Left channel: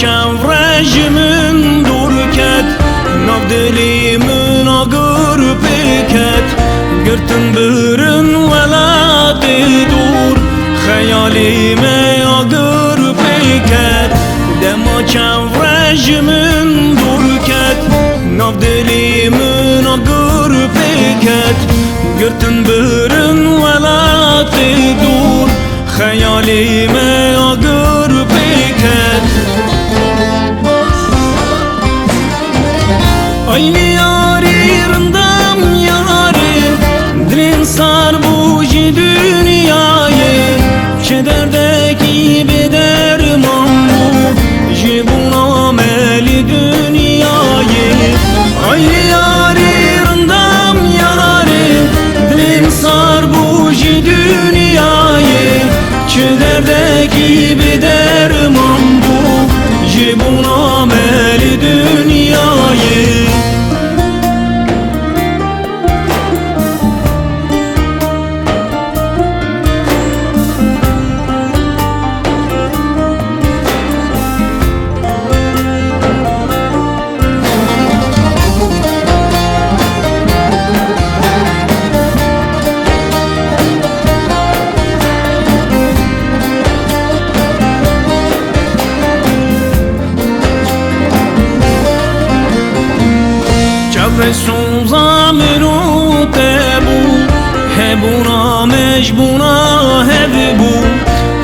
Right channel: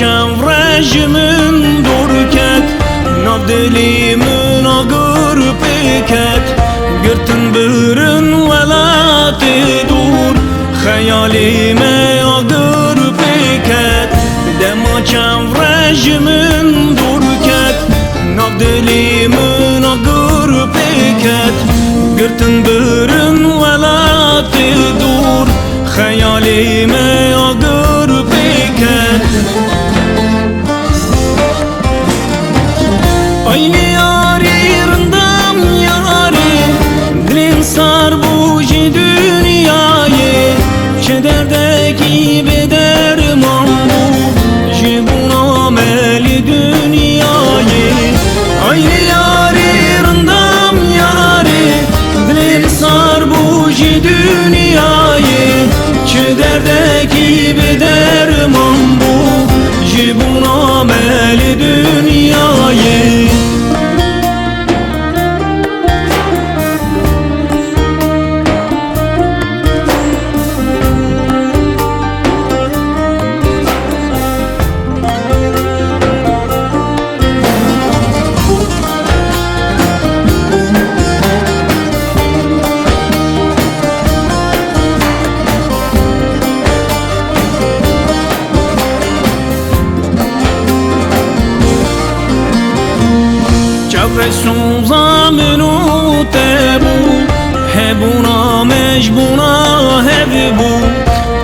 Çam rejimim durket, nav dilimin ağır peket. Gürtün bürün velatı dur, hayalime ağır peket. Dema çam rejimim durket, nav dilimin ağır peket. Gürtün bürün velatı dur, hayalime ağır peket. Aynı yarimdam yarim, dilim sar bu dünyayı. Kederdeki bederman bu, jibun ameli dünyayı. Aynı yarimdam yarim, dilim sar bu dünyayı. Kederdeki bederman bu, jibun ameli dünyayı. Resul zamenu tebu, hebuna mecbuna hebu.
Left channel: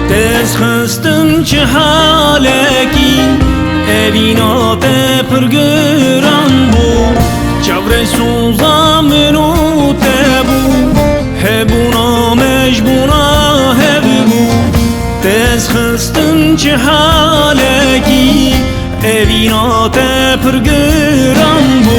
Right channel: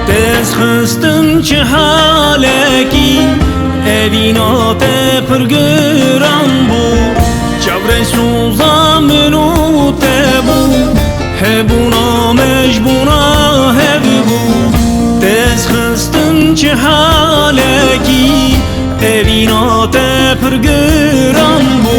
Dez xıstin çi haleki, evina te pırgıran bu. Resul zamenu tebu, hebuna mecbuna hebu. Dez xıstin çi haleki, evina te pırgıran bu.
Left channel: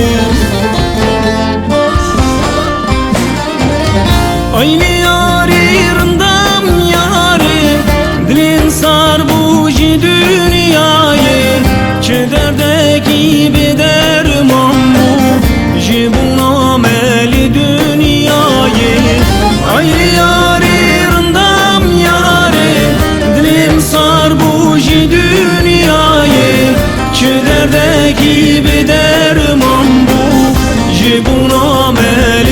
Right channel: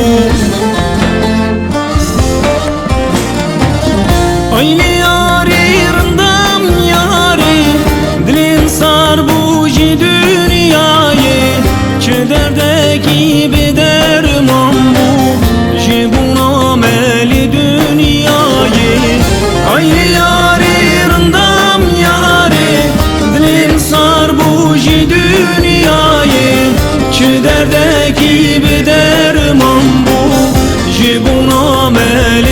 Aynı yarimdam yarim, dilim sar bu dünyayı. Kederdeki bederman bu, jibun ameli